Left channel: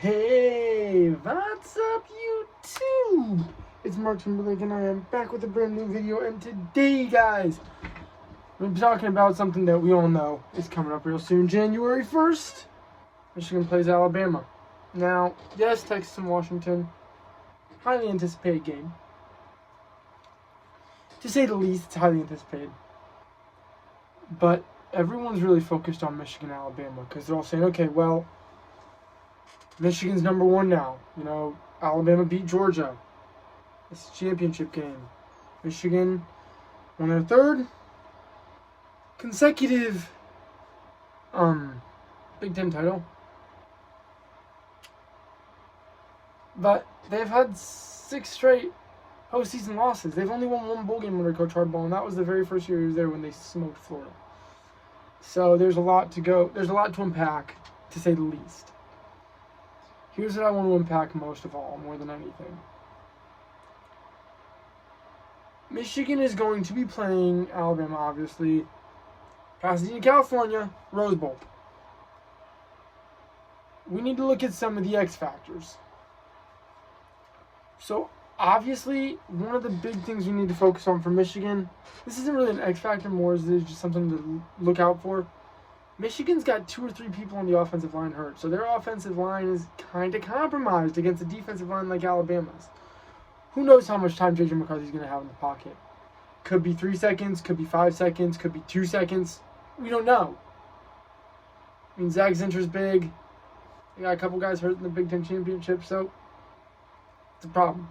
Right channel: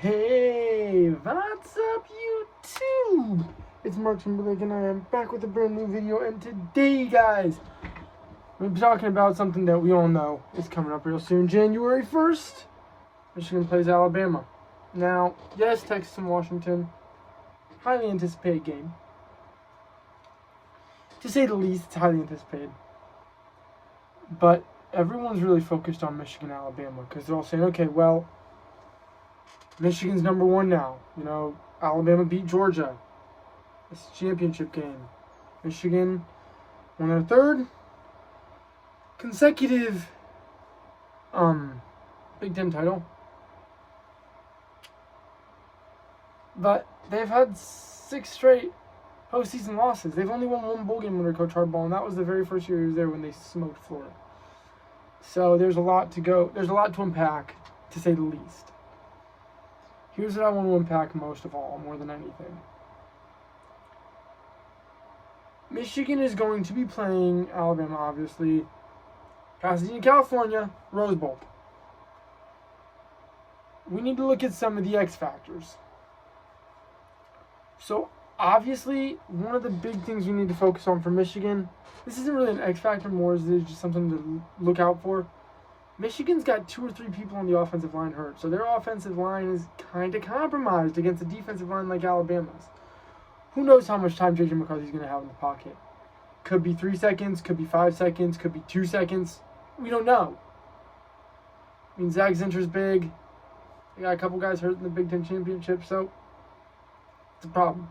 Hey, what's up YouTube? It's Mark Timberlake and I am back with a brand new video, and today guys, we're talking about something that we all know is coming up real soon. January 1st, Michigan plays Alabama. Now, yes, Texas and Washington, highly anticipated game. To say the least, it's highly anticipated. But everyone's really focused on Michigan and Alabama because they're all saying, okay, well, Michigan's number one now. You know, Alabama beat Georgia. It's a championship game. Michigan won their third consecutive Big Ten title. But they've had 6 straight postseason losses. They've only won 1 bowl game under Coach Harbaugh, and that was the very first year he was there when they smoked Florida. So there's a lot to go. There's a lot to unpack, to say the least. Here's what I want to unpack most of all, more than anything. Michigan is going to be playing Alabama, obviously. Pasadena, California, Rose Bowl. We need to look at some of the X factors. So, obviously, one of the big things we need to focus on for Michigan, this isn't really an X factor, more as it is just something to look out for. Michigan's got 2 or 3 people on the offensive line hurt, so their offensive line is kind of compromised against a defensive line like Alabama's. Who knows how much time J.J. McCarthy's going to have in the pocket? Could be 3 seconds, could be 5 seconds, could be 2 seconds. We don't know. I mean, Zach Zinter's big. They got a couple guys hurt in the Big Ten Championship, so it's a problem.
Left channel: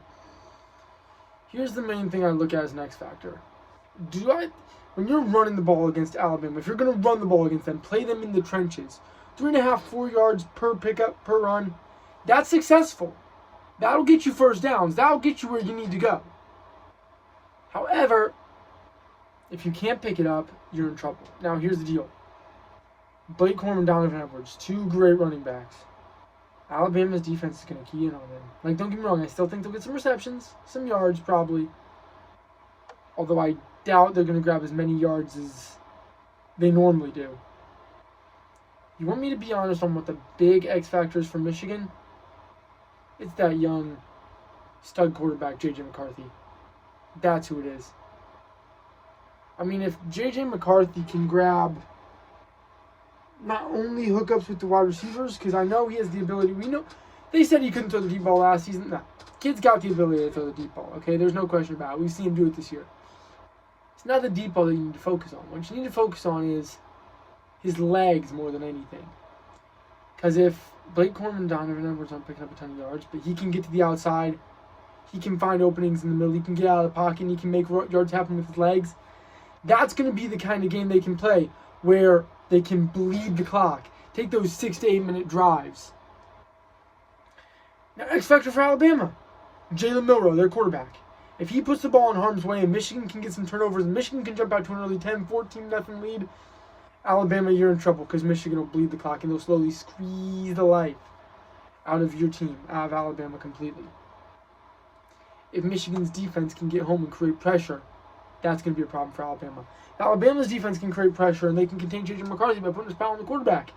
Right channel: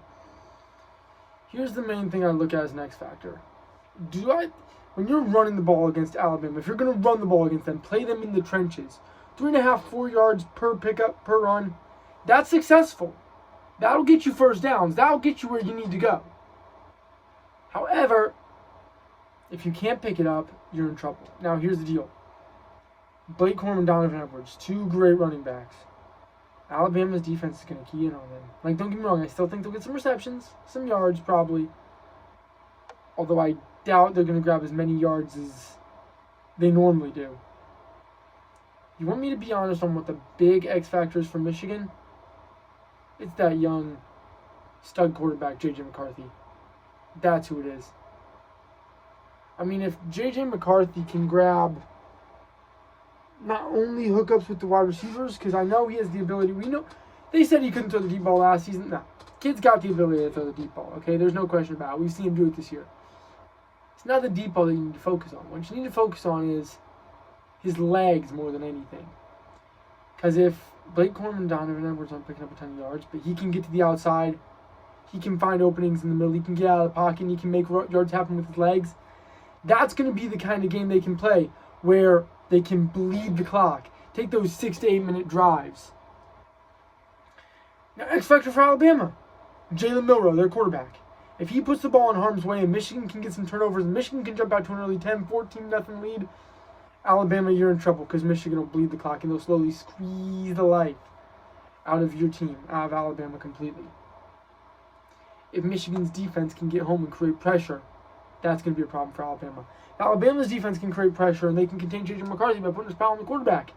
Here's the main thing I look at as an X factor. When you're running the ball against Alabama, if you're going to run the ball against them, play them in the trenches. 3.5, 4 yards per pickup, per run. That's successful. That'll get you first downs. That'll get you where you need to go. However, if you can't pick it up, you're in trouble. Now, here's the deal. Blake Corum and Donovan Edwards, 2 great running backs. Alabama's defense is going to key in on them. Like, don't get me wrong, I still think they'll get some receptions, some yards probably. Although I doubt they're going to grab as many yards as they normally do. You want me to be honest on what the big X factor is for Michigan? It's that young stud quarterback, J.J. McCarthy. That's who it is. I mean, if J.J. McCarthy can grab not only hookups with the wide receivers, because I know he has the ability. We know they said he couldn't throw the deep ball last season. No, kid's got the ability to throw the deep ball. Okay, there's no question about it. We've seen him do it this year. It's not the deep ball that you need to focus on. What you need to focus on is his legs more than anything. Because if Blake Corum and Donovan Edwards aren't picking up a ton of yards, but he can get to the outside, he can find openings in the middle, he can get out of the pocket, and he can make yards happen with his legs, that's going to be the kind of game they can play where they can bleed the clock. Take those 6 to 8 minute drives. Now, X factor for Alabama. Jalen Milroe, their quarterback. If he puts the ball in harm's way and Michigan can get some turnovers and Michigan can jump out to an early 10, 14-0 lead, Alabama, you're in trouble because Michigan will bleed the clock and they'll slowly squeeze the life out of your team, out of Alabama completely. If Michigan's defense can get home and create pressure, that's going to be a problem for Alabama. If Alabama's defense can create pressure and they can contain J.J. McCarthy by putting his power on the quarterback,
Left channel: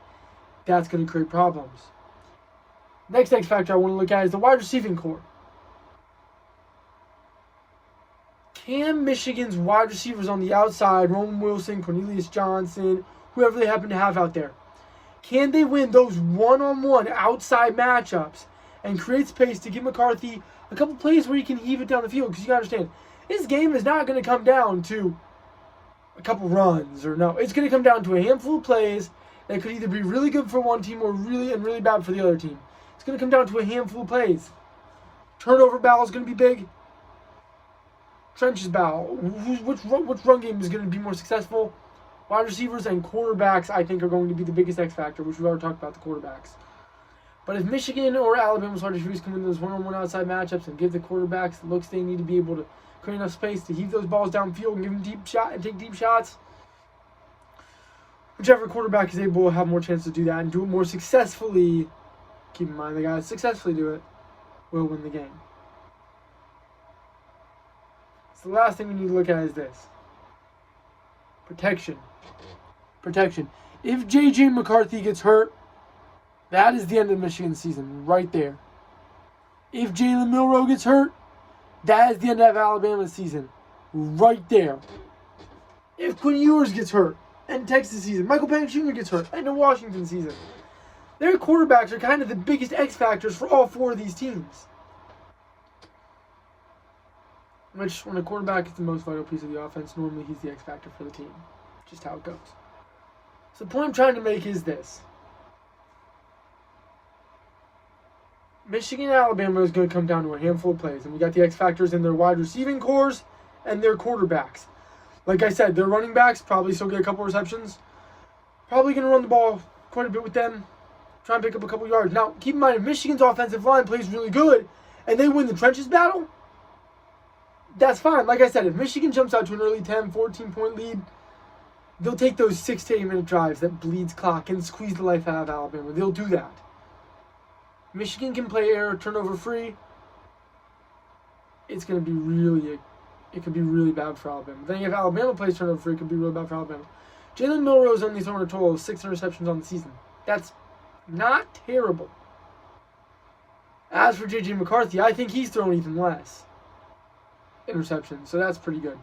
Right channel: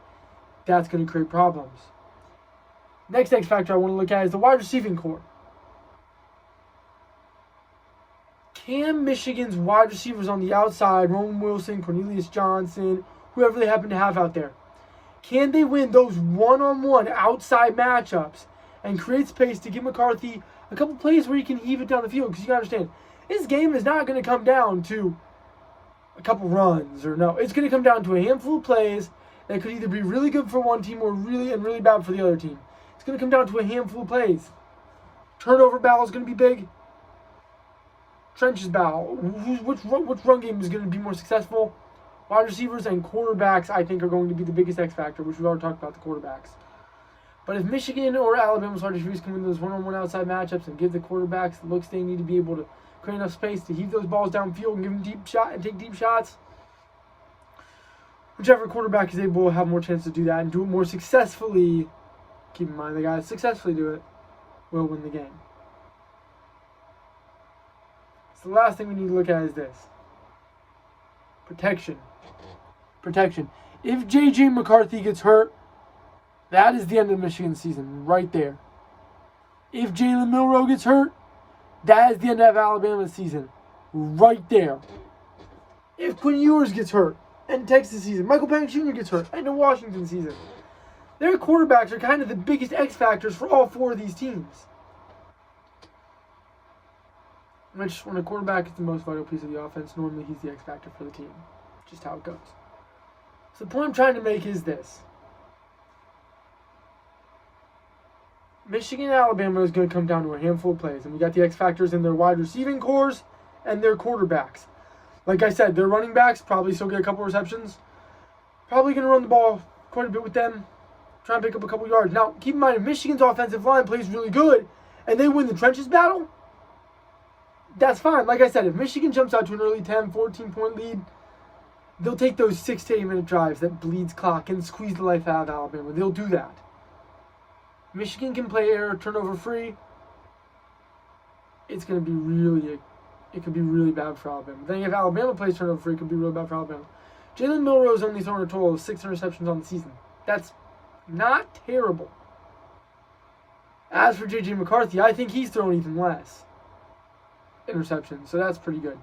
that's going to create problems. Next X factor I want to look at is the wide receiving core. Can Michigan's wide receivers on the outside, Roman Wilson, Cornelius Johnson, whoever they happen to have out there, can they win those one-on-one outside matchups and create space to give McCarthy a couple plays where he can heave it down the field? Because you got to understand, this game is not going to come down to a couple runs or no. It's going to come down to a handful of plays that could either be really good for one team or really bad for the other team. It's going to come down to a handful of plays. Turnover battle is going to be big. Trenches battle. Which run game is going to be more successful? Wide receivers and quarterbacks, I think, are going to be the biggest X factor, which we've already talked about, the quarterbacks. But if Michigan or Alabama's wide receivers can win those one-on-one outside matchups and give the quarterbacks the looks they need to be able to create enough space to heave those balls downfield and give them deep shot and take deep shots, whichever quarterback is able to have more chance to do that and do it more successfully, keep in mind the guys successfully do it, will win the game. So the last thing we need to look at is this. Protection. If J.J. McCarthy gets hurt, That is the end of Michigan's season right there. If Jalen Milroe gets hurt, that is the end of Alabama's season right there. If Quinn Ewers gets hurt, and Texas season, Michael Penix Jr. gets hurt, and the Washington season, their quarterbacks are kind of the biggest X factors for all four of these teams. Which, when a quarterback is the most vital piece of the offense, normally he's the X factor for the team. Just how it goes. So the point I'm trying to make is this. Michigan and Alabama is going to come down to a handful of plays. And we got the X factors in their wide receiving cores and their quarterbacks. Like I said, their running backs probably still get a couple receptions. Probably going to run the ball quite a bit with them. Try and pick up a couple yards. Now, keep in mind, if Michigan's offensive line plays really good and they win the trenches battle, that's fine. Like I said, if Michigan jumps out to an early 10, 14-point lead, they'll take those 6 to 8 minute drives that bleeds clock and squeeze the life out of Alabama. They'll do that. Michigan can play air turnover free. It's going to be it could be really bad for Alabama. Then if Alabama plays turnover free, it could be really bad for Alabama. Jalen Milroe's only thrown a total of 6 interceptions on the season. That's not terrible. As for J.J. McCarthy, I think he's thrown even less interceptions, so that's pretty good.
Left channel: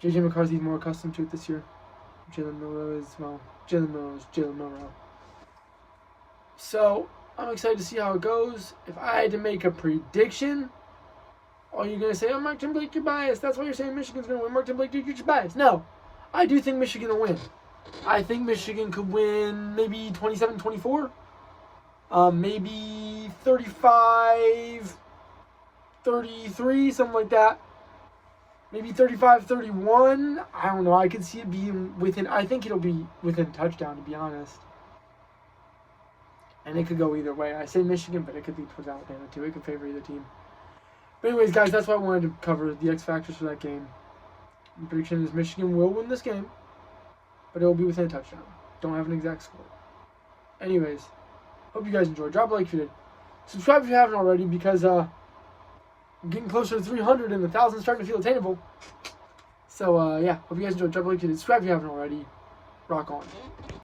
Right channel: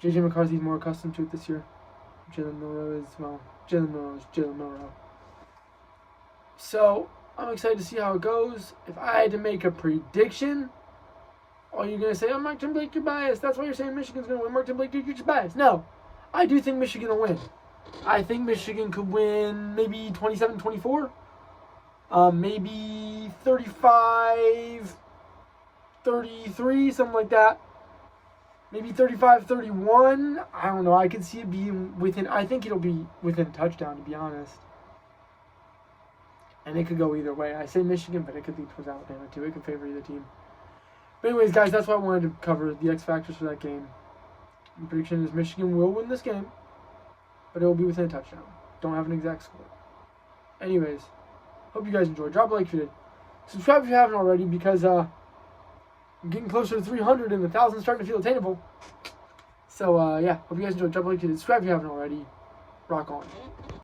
J.J. McCarthy's more accustomed to it this year. Jalen Milroe is Jalen Milroe. So, I'm excited to see how it goes. If I had to make a prediction, are you going to say, oh, Mark Tim Blake, you're biased. That's why you're saying Michigan's going to win. Mark Tim Blake, dude, you're just biased. No, I do think Michigan will win. I think Michigan could win maybe 27-24. Maybe 35-33, something like that. Maybe 35-31. I don't know. I could see it being within. I think it'll be within touchdown, to be honest. And it could go either way. I say Michigan, but it could lead towards Alabama too. It could favor either team. But anyways, guys, that's what I wanted to cover. The X factors for that game. My prediction is Michigan will win this game, but it will be within a touchdown. Don't have an exact score. Anyways, hope you guys enjoyed. Drop a like if you did. Subscribe if you haven't already, because I'm getting closer to 300 and 1,000 starting to feel attainable. So, yeah, hope you guys enjoyed. Drop a like if you did. Subscribe if you haven't already. Rock on.